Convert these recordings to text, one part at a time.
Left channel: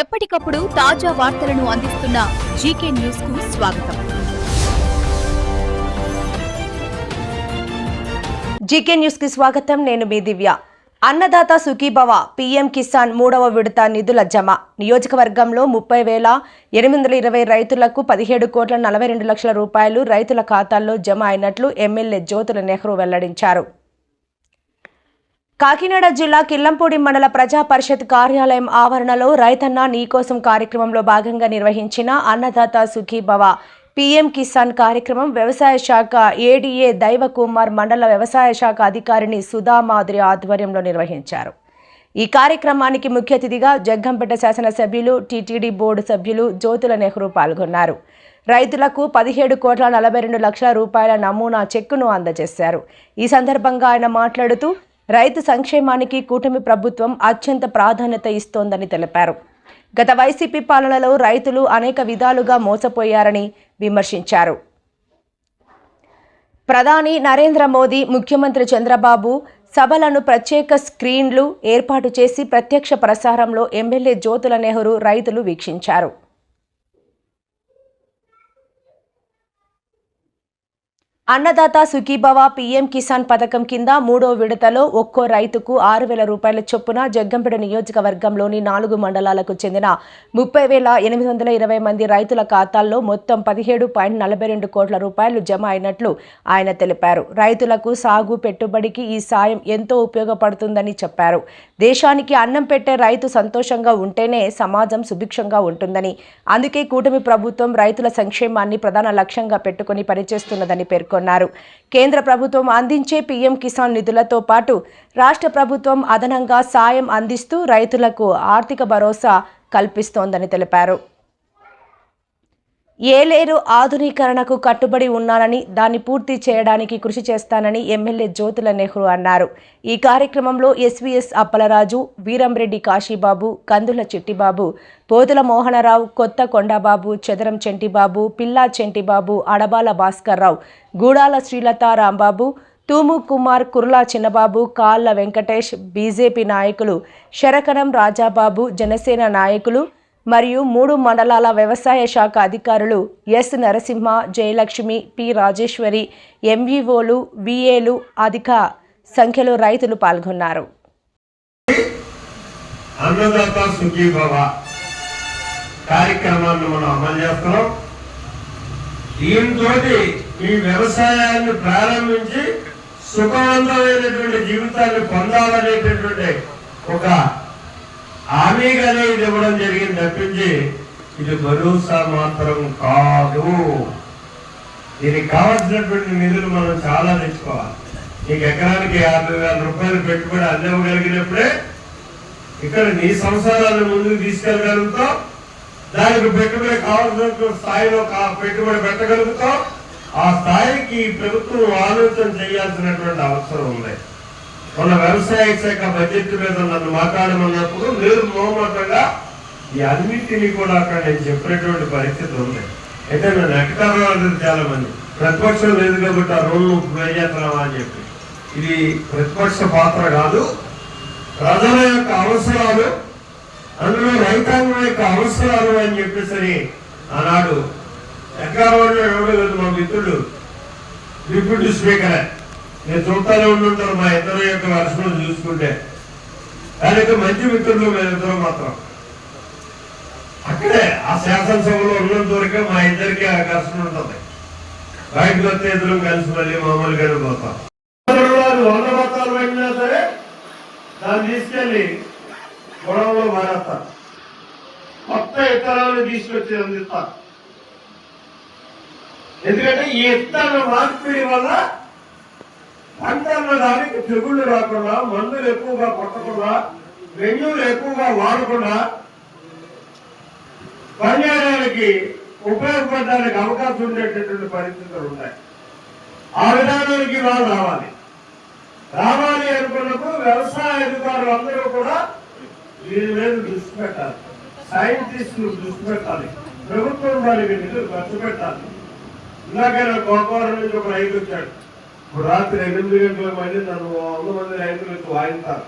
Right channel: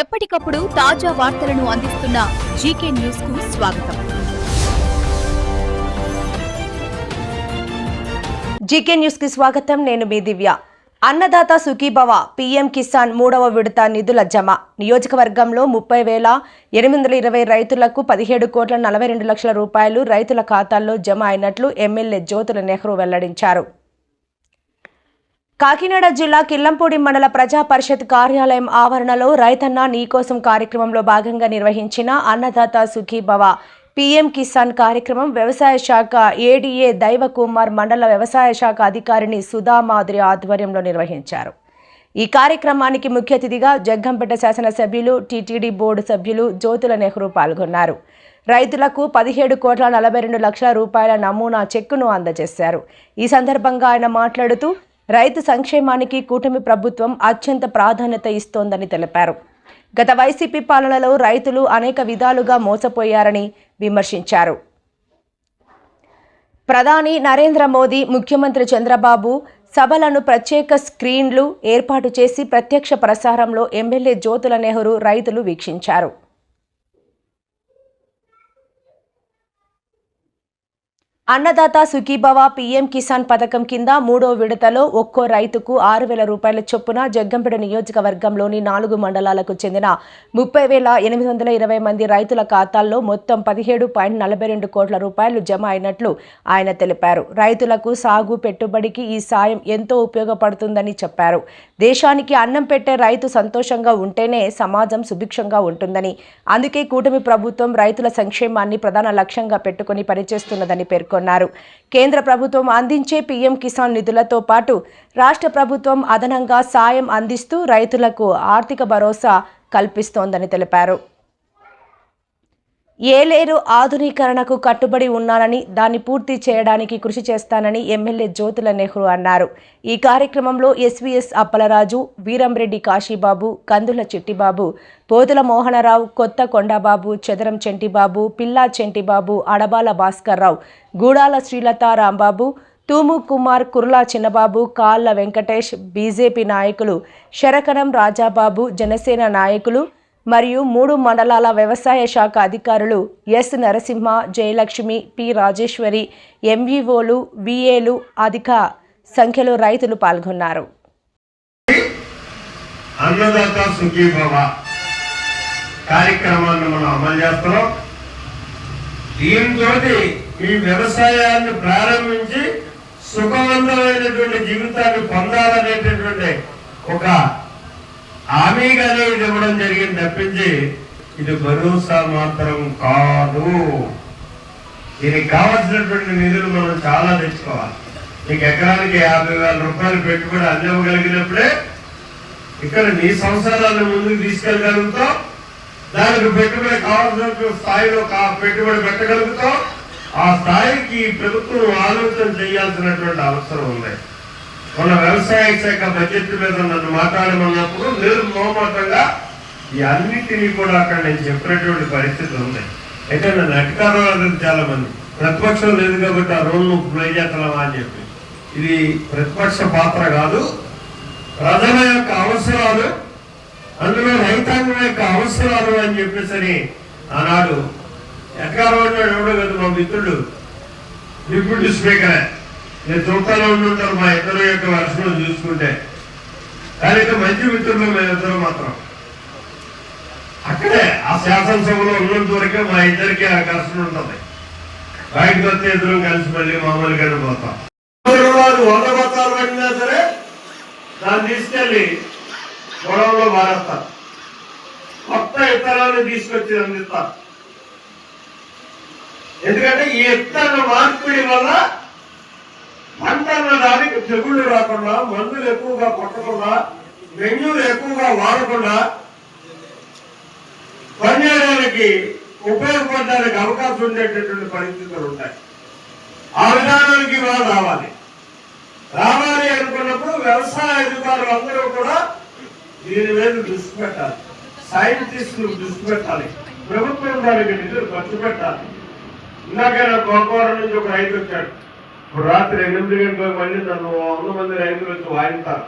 ఎప్పటికప్పుడు తాజా వార్తలను అందిస్తున్న జీకే న్యూస్ కు స్వాగతం. జీకే న్యూస్ కి స్వాగతం. నేను మీ దివ్య. అన్నదాత సుఖీభవ పీఎం కిసాన్ 3వ విడత నిధుల జమ. నియోజకవర్గంలో 30,820 రైతులకు 17,42,00,000 రూపాయలు రైతుల ఖాతాల్లో జమ అయినట్లు ఎమ్మెల్యే జ్యోతుల నెహ్రూ వెల్లడించారు. కాకినాడ జిల్లా కిల్లంపూడి మండల ప్రజా పరిషత్ కార్యాలయం ఆవరణలో రైతన్న నీకోసం కార్యక్రమంలో భాగంగా నిర్వహించిన అన్నదాత సుఖీభవ పీఎం కిసాన్ కార్యక్రమం వ్యవసాయ శాఖ ఏడీఏ దైవకుమార్ మండల వ్యవసాయ శాఖ అధికారిని సుధామాధురి ఆధ్వర్యంలో నిర్వహించారు. ఈ కార్యక్రమానికి ముఖ్య అతిథిగా జగ్గంపేట శాసనసభ్యులు టీటీడీ బోర్డు సభ్యులు జ్యోతుల నెహ్రూ పాల్గొన్నారు. రైతులకు 17,42,00,000 రూపాయల నమూనా చెక్కును అందజేశారు. ఈ సందర్భంగా ఆయన మాట్లాడుతూ రైతు సంక్షేమానికి కూటమి ప్రభుత్వం అత్యంత ప్రాధాన్యత ఇస్తోందని తెలిపారు. గత వైసీపీ పాలనలో రైతులు అనేక విధాలుగా మోసపోయారని విమర్శించారు. ప్రధాని నరేంద్ర మోదీ, ముఖ్యమంత్రి చంద్రబాబు సభలను ప్రత్యేక స్క్రీన్లు ఏర్పాటు చేసి ప్రత్యక్ష ప్రసారంలో ఎమ్మెల్యే జ్యోతుల నెహ్రూ రైతులు వీక్షించారు. అన్నదాత సుఖీభవ పీఎం కిసాన్ పథకం కింద 3వ విడతలో ఒక్కో రైతుకు 6,000 రూపాయల చొప్పున జగ్గంపేట నియోజకవర్గంలోని 4 మండలాలకు చెందిన 30,820 మంది రైతుల ఖాతాల్లో మొత్తం 17.42 కోట్ల రూపాయలు జమ అయినట్లు ఆయన తెలిపారు. రైతులకు సాగు పెట్టుబడికి ఈ సాయం ఎంతో ఉపయోగపడుతుందని చెప్పారు. దేశానికి అన్నం పెట్టే రైతు సంతోషంగా ఉంటేనే సమాజం సుభిక్షంగా ఉంటుందని, అందుకే కూటమి ప్రభుత్వం రైతుల సంక్షేమాన్ని ప్రధాన లక్ష్యంగా పెట్టుకుని పనిచేస్తున్నదని పేర్కొన్నారు. కేంద్ర ప్రభుత్వం అందించే పీఎం కిసాన్ నిధులతో పాటు రాష్ట్ర ప్రభుత్వం అదనంగా సాయం అందిస్తూ రైతులకు ఆర్థిక భరోసా కల్పిస్తోందని తెలిపారు. ఏలేరు ఆధునీకరణకు కట్టుబడి ఉన్నానని, దాన్ని పూర్తి చేయడానికి కృషి చేస్తానని ఎమ్మెల్యే జ్యోతుల నెహ్రూ అన్నారు. ఈ కార్యక్రమంలో ఎస్వీఎస్ అప్పలరాజు, వీరంరెడ్డి కాశీబాబు, కందుల చిట్టిబాబు, పోతుల మోహనరావు, కొత్త కొండబాబు, చెదరం చెంటిబాబు, పిల్లా చెంటిబాబు, అడబాల భాస్కర్రావు, గూడాల శ్రీలత రాంబాబు, తూము కుమార్, కుర్లా చిన్నబాబు, కాళ్ళ వెంకటేష్, బీజేపీ నాయకులు శరకరం రాజాబాబు, జనసేన నాయకులు మరియు 3 మండలాల వ్యవసాయ శాఖ అధికారులు ఎస్ నరసింహ, జయలక్ష్మి, పి రాజేశ్వరి, ఎంఈఓలు, విఏలు అధిక సంఖ్యలో రైతులు పాల్గొన్నారు. అన్నదాత సుఖీభవ కార్యక్రమాన్ని మనం అమలు చేస్తున్నాం. దీంతో ఈ వ్యవసాయాన్ని ప్రారంభించి సుఖవంతమైనటువంటి జీవితాన్ని పొందాలనేటటువంటి ఒక హామీగానే ఇది ఇవ్వడం జరిగింది తప్పించి ఇది భరోసా మాత్రం కాదు. దీనికి కావాల్సినటువంటి నిధులు మనం చాలా తెచ్చుకోవాలి. నీకు ఎకరానికి 50,000 రూపాయలు పెట్టుబడి అందివ్వగలిగినప్పుడే ఇక్కడ నీ సంసారాన్ని ముందుకు తీసుకెళ్ళగలుగుతాం. దానికి పెట్టుబడి కావాల్సిన స్థాయిలో పెట్టుబడి పెట్టగలుగుతాం. ఆ స్థాయికి ప్రభుత్వం ఆలోచన చేయాల్సినటువంటి అవసరం ఉంది. మన వ్యవసాయ శాఖ బడ్జెట్ మీద నన్ను మాట్లాడమన్నప్పుడు నేను మోమటంగా ఈ అన్నింటినీ కూడా అక్కడ నేను చెప్పినటువంటి పరిస్థితి ఉంది. అయితే నన్ను ఎట్టకారాలు చాలా మంది ప్రతిపక్షం లేదు కాబట్టి ఆ రోజు నువ్వు ప్లే చేస్తున్నావా అని చెప్పి, ఇది ప్రతిపక్ష పాత్ర కాదు. ప్రజల యొక్క అవసరాలు, అందులో రైతాంగం యొక్క అవసరాలు అని చెప్పేసరి ఆనాడు ఎట్టకారం ఎవడో కదా మా మిత్రుడు డిప్యూటీ స్పీకరే, నేను చుట్టాలో ఉంటుంటారు మా ఇద్దరు యొక్క వర్షం చూసుకుంటే. కానీ మంచి మిత్రులు మేమిద్దరు మాత్రం అక్కడే ఆ శాసనసభలో ఉన్నంత వరకే మా ఇద్దరికి ఆ కష్టం ఉంటుంది. బయటకు వస్తే ఇద్దరు కలిసి మళ్ళీ మామూలుగానే పోతాం. వందగోతాలు పడినా సరే దాన్ని తీసుకెళ్ళి గొడవలో మారేస్తారు. కొత్త ఇత్తనాన్ని తీసుకొచ్చి అందిస్తారు. ఎందుకంటే ఈ ఇత్తన మార్పిడి వల్ల పంటన్న దానికి తెగుళ్ళు రాకుండా, మందులు ఎక్కువగా కొట్టకుండా, బెంగళూరు ఎక్కువగా వాడకుండా పనిచేయడానికి ఉపయోగపడడానికి అవకాశం ఉండేటటువంటి పరిస్థితులు ఉంటాయి. ఆ విధానానికి వాళ్ళు రావాలి అనుకున్నప్పుడు వ్యవసాయ అధికారులు అందరూ కూడా దీని మీద దృష్టి పెట్టాలి. సైంటిస్టులు దృష్టి పెట్టాలి. ప్రభుత్వం దానికి నిధులు ఖర్చు పెట్టాలి. ఇందాకైనా గోకవరం నుంచి ఒక రైతు వచ్చాడు. ఇప్పుడు రాత్రి 8 గంటలకు మళ్ళీ నన్ను 100 మంది రైతులు వచ్చి వాయిస్తారు.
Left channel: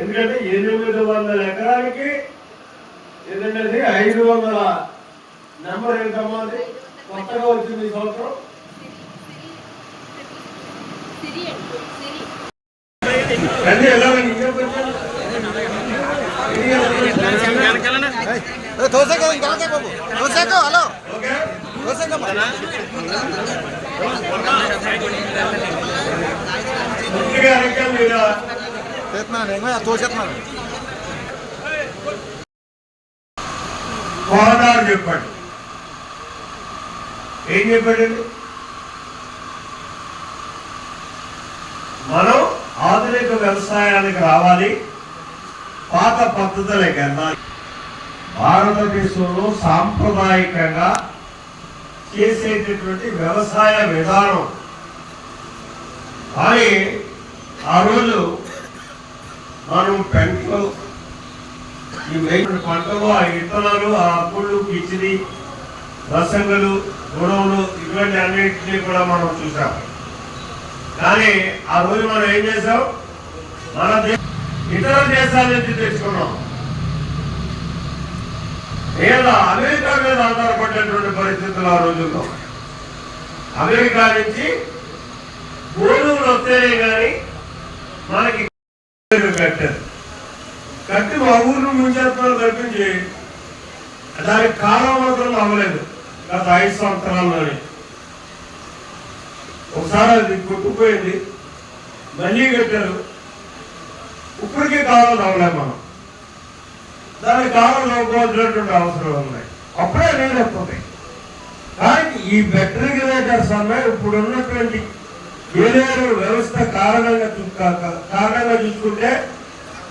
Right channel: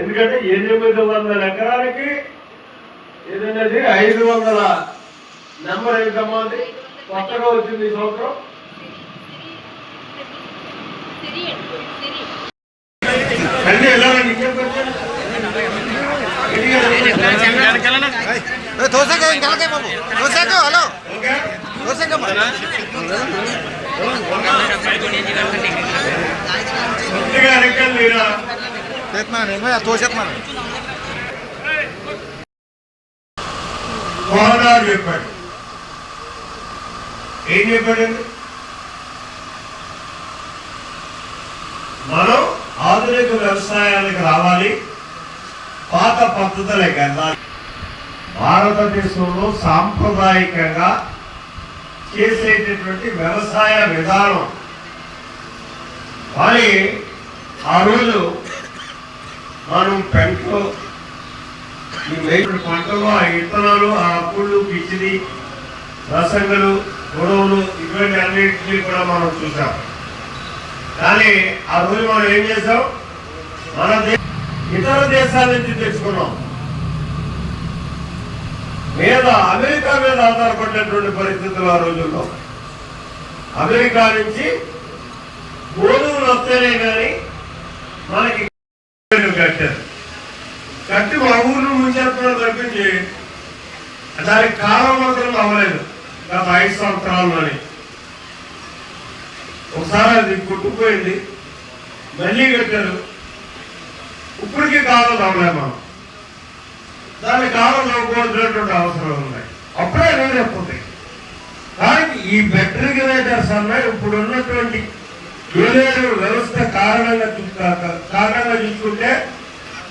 ఎందుకంటే 800 ఎకరాలకి ఏదంటే 500 నెంబర్ ఏంటమ్మా అది కొత్తగా వచ్చింది ఈ సంవత్సరం. అన్నీ వెళ్ళాలండి ఇంకేం పెట్టారు చెప్పాడు. ఏం చెప్పాడండి? మనం ఆధునిక వ్యవసాయానికి రావాలి, పాత పద్ధతులకు వెళ్ళాలి. భారతదేశంలో సాంప్రదాయకంగా చేసేటటువంటి వ్యవసాయ విధానం కానీ ఆ రోజు మనం పెంటలు ఈ వైపు పంటలు, ఆ విత్తనాలు, ఆ అప్పులు, కిచిడి, రసంగులు, గొడవలు ఇటువంటి అన్నింటినీ కూడా మనం చూసాం. కానీ ఆ రోజు మనం ఏం చేసాం? మన ఇతర దేశాల నుంచి తెచ్చుకున్నాం. అమెరికా మీద ఆధారపడినటువంటి పరిస్థితులు ఆ రోజుల్లో. అమెరికా నుంచి గోధుమలు వస్తేనే కానీ మనకి కట్టారు. కట్టి మా ఊరిని ముంచెత్తడం తప్పించి దానికి కాలం మాత్రం అవ్వలేదు. గత 5 సంవత్సరాల్లోనే ఒకసారి అది కొట్టుకుపోయింది, మళ్ళీ కట్టారు. ఇప్పటికీ కాలం అవ్వలేదు. మనం దానికి కాలం అవ్వకపోతున్నటువంటి అవసరం ఉన్నాయి. అప్పుడే లేకపోతే కానీ ఈ బెటరిగేటర్స్ అన్నాయి ఇప్పుడు ఉన్నటువంటి ఏలేరు వ్యవస్థ కారణంగా చూసుకుంటే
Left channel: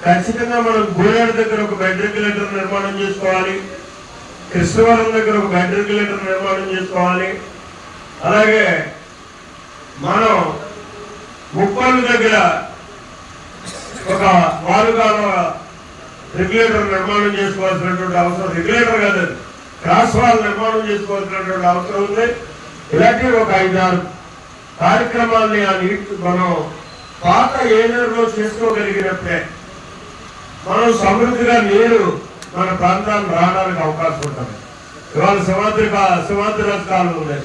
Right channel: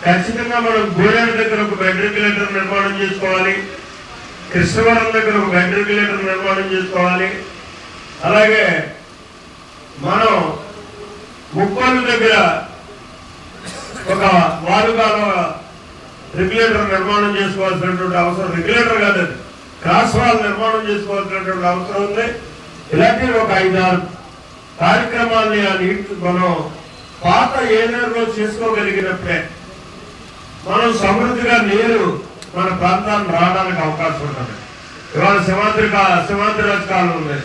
ఖచ్చితంగా మనం గోడేరు దగ్గర ఒక బెటరిగేటర్ నిర్మాణం చేసుకోవాలి, కృష్ణవరం దగ్గర ఒక బెటరిగేటర్ నిర్మాణం చేసుకోవాలి. అలాగే మనం ముప్పాళ్ళ దగ్గర ఒక వారుగాల రెగ్యులేటర్ నిర్మాణం చేసుకోవాల్సినటువంటి అవసరం, రెగ్యులేటర్ కాదు క్రాస్ వాల్ నిర్మాణం చేసుకోవాల్సినటువంటి అవసరం ఉంది. ఇలాంటి ఒక 5-6 కార్యక్రమాల్ని ఆ నీటి మనం పాత ఏలేరులో చేసుకోగలిగినప్పుడే మనం సమృద్ధిగా నీరు మన ప్రాంతాన్ని రావడానికి అవకాశం ఉంటుంది. ఇవాళ సింహాద్రిరాజు కాలం ఉంది,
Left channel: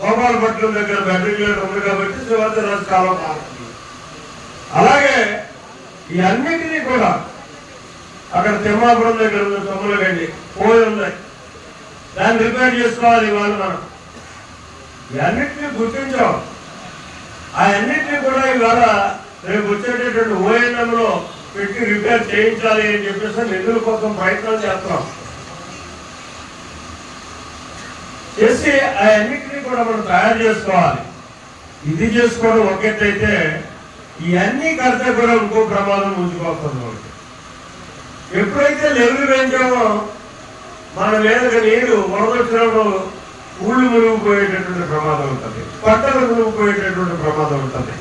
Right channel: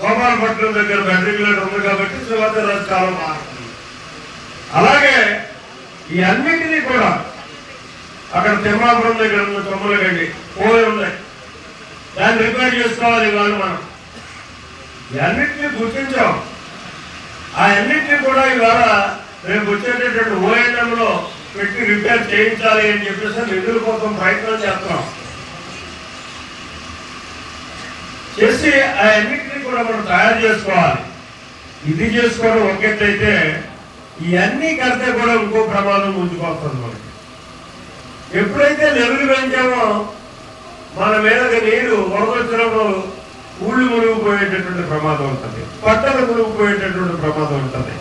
గోపాలపట్నం దగ్గర బెటరిగేటర్ ఉంది కాబట్టి సింహాద్రిరాజు కాలం మారుతుంది. అలాగే ఈ అన్నింటినీ కూడా అక్కడ తిమ్మాపురం దగ్గర ఉన్న తొమ్మలు గండి పోయి ఉన్నాయి, దాన్ని రిపేర్ చేసుకోవాలి. ఇవాళ మనం ఈ అన్నింటినీ గుర్తించాం. ఆ అన్నింటినీ కూడా ఇవాళ రేపు వచ్చేటటువంటి ఓఎన్ఎంలో పెట్టి రిపేర్ చేయించాలి అని చెప్పేసి నిధుల కోసం ప్రయత్నం చేస్తున్నాం. చేసి ఆ అన్నింటినీ కూడా మనం తయారు చేసుకోవాలి. ఇది చేసుకోవడం ఒకేటైతే ఇవన్నీ కడితే కూడా ఇంకో ప్రమాదం ముందుకొస్తున్నాం. ఎప్పుడైతే లెవెల్ పెంచామో మన మీదకి నీరు వరదొచ్చినప్పుడు ఊళ్ళు మునిగిపోయేటటువంటి ప్రమాదం ఉంటుంది, పంటలు మునిగిపోయేటటువంటి ప్రమాదం ఉంటుంది.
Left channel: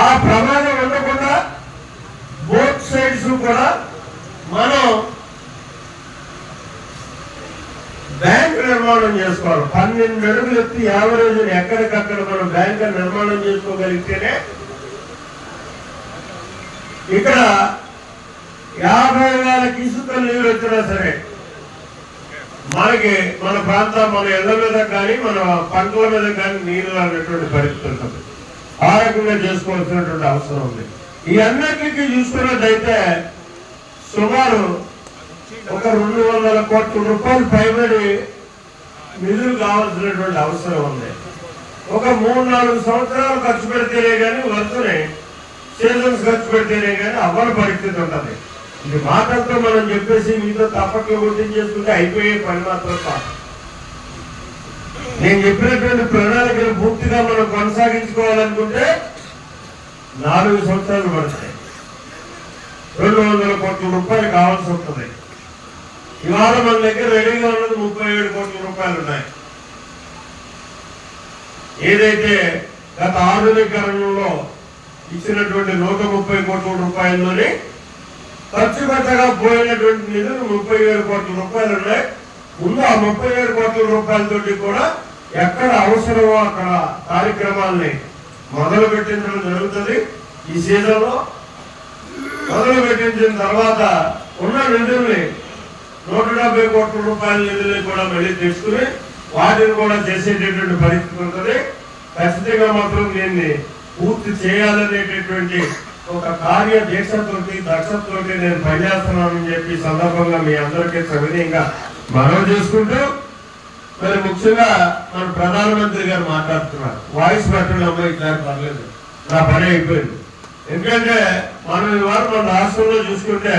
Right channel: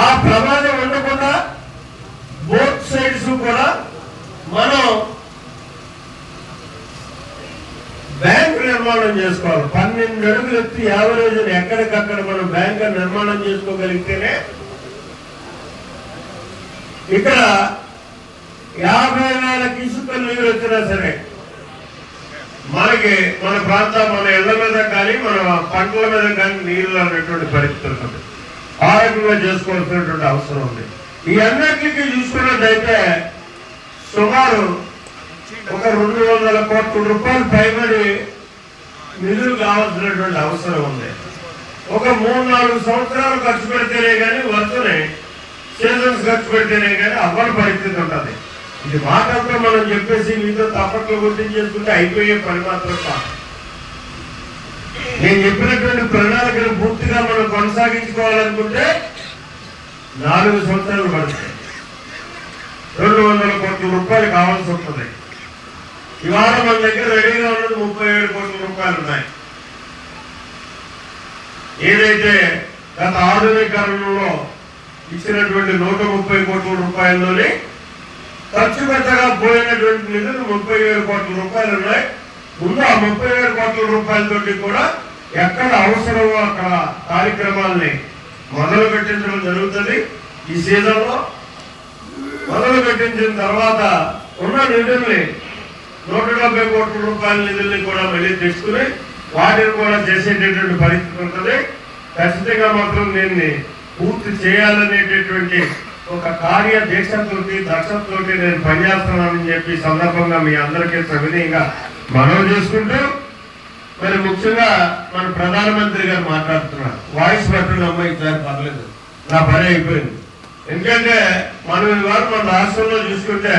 ఆ ప్రమాదం ఉండకుండా బోత్ సైడ్స్ కూడా మనం బ్యాంక్ నిర్మాణం చేసుకోవాలి. 12 అడుగులు ఎత్తి యావరేజ్ ఎక్కడికక్కడ మనం బ్యాంక్ నిర్మాణం చేసుకోగలిగితేనే ఇక్కడ 50,000 ఇసుక నీళ్ళు వచ్చినా సరే మనకి మన ప్రాంతం, మన ఇళ్ల మీద కానీ మన పంటల మీద కానీ నీళ్ళు అనేటువంటి పరిస్థితి ఉంటుంది. ఆరోగ్యంగా చేసుకోవాల్సినటువంటి అవసరం ఉంది. ఈ అన్నింటికి చూసుకున్నట్టయితే సుమారు ఒక 200 కోట్ల రూపాయలు పైబడి నిధులు కావాల్సినటువంటి అవసరం ఉంది. ఒక 3-4 సంవత్సరాలు ఖర్చు పెడితేనే కానీ వరుసనే సీజన్స్ ఖర్చు పెడితేనే కానీ అవ్వని పరిస్థితి ఉంటుంది. ఇది మాటలతో మనం చెప్పేసి మీతో తప్పట్లు గుర్తించేసుకుంటే అయిపోయే పని మాత్రం కాదు. నేను చెప్పినటువంటి ప్రణాళికను పూర్తిగా మనం కొనసాగించుకోవాలనుకుంటే 4 సంవత్సరాలు పడతాయి. 200 కోట్ల రూపాయలు కావాల్సి ఉంటుంది. ఇవాళ మన దగ్గర రెడీగా ఉన్నది 37 కోట్ల రూపాయలు ఉన్నాయి. ఏదైతే గత ఆధునీకరణలో ఇచ్చినటువంటి 130 కోట్ల రూపాయల్లోనే ఖర్చు పెట్టగా పోయినటువంటి నిధులు 37 కోట్ల రూపాయలు ఉన్నాయి. ముందు ఆ 37 కోట్ల రూపాయలతోటి కూడా ఎక్కడ అవసరమో అక్కడ కార్యక్రమాల్ని మొదలు పెట్టించడం జరుగుతుంది. ఈ సీజన్లో మొదలు పెట్టించిన తర్వాత ఉన్న నిధుల్ని 170 కోట్ల రూపాయల నిధుల్ని కూడా మళ్ళీ తీసుకుని వాటిని కూడా చేసేటటువంటి పరిస్థితి ఉంటుంది. ఖచ్చితంగా మాత్రం దీన్ని పూర్తి చేయాలనేటటువంటి ఒక కార్య దీక్షతోటి దక్షతతోటి నేను పనిచేస్తున్నానని చెప్పి సందర్భంగా మీ అందరికీ సవినయంగా మనవి చేసుకుంటూ, మరి ముఖ్యంగా మన ప్రధానమంత్రి గారు మాట్లాడుతున్నారు. వాయిస్ బట్టలు అమ్మాయి ఇట్లా పర్లేదు, నా పని అయిపోయింది. ఎందుకంటే మనం ఇవాళ మన రాష్ట్రంలో చూసుకుంటే,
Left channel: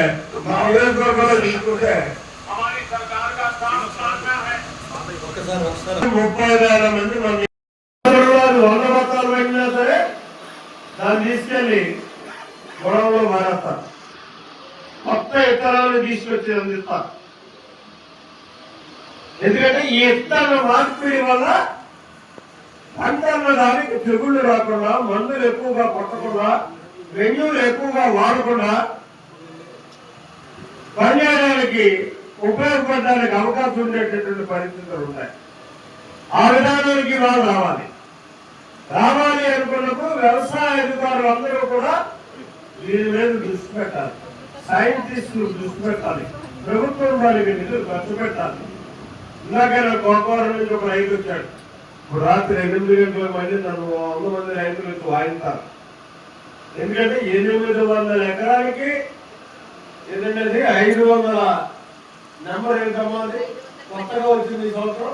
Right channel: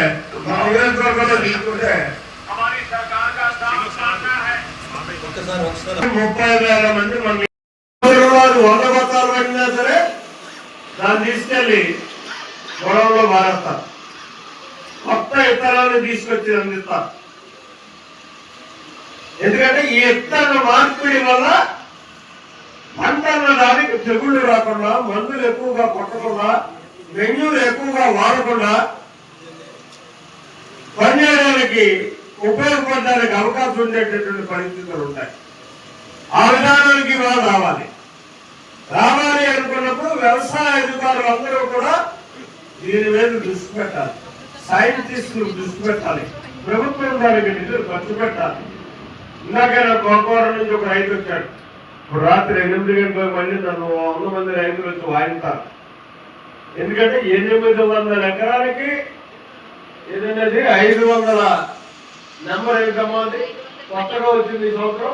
మన నియోజకవర్గంలో చూసుకుంటే 30,000 మంది మన 100 బత్తాలు పడినా సరే దాన్ని తీసుకెళ్ళి గొడవలో మారేస్తారు. కొత్త ఇత్తనాలను తీసుకొచ్చి అందిస్తారు. ఎందుకంటే ఈ ఇత్తన మార్పిడి వల్ల పంటన్న దానికి తెగుళ్ళు రాకుండా, మందులు ఎక్కువగా కొట్టకుండా, మెన్యూలు ఎక్కువగా వాడకుండా పనిచేయడానికి ఉపయోగపడడానికి అవకాశం ఉండేటటువంటి పరిస్థితులు ఉంటాయి. ఆ విధానానికి వాళ్ళు రావాలి అనుకున్నప్పుడు వ్యవసాయ అధికారులు అందరూ కూడా దీని మీద దృష్టి పెట్టాలి. సైంటిస్టులు దృష్టి పెట్టాలి. ప్రభుత్వం దానికి నిధులు ఖర్చు పెట్టాలి. ఇందాకైనా కోకవరం నుంచి ఒక రైతు వచ్చాడు. ఇప్పుడు రాత్రి 8 గంటలకు మళ్ళీ నన్ను 100 మంది రైతులు వచ్చి వాయిస్తారు. ఎందుకంటే 800 ఎకరాలకి ఏదన్నది 500 నెంబర్ ఎంతమంది కొత్తగా వచ్చింది ఈ సంవత్సరం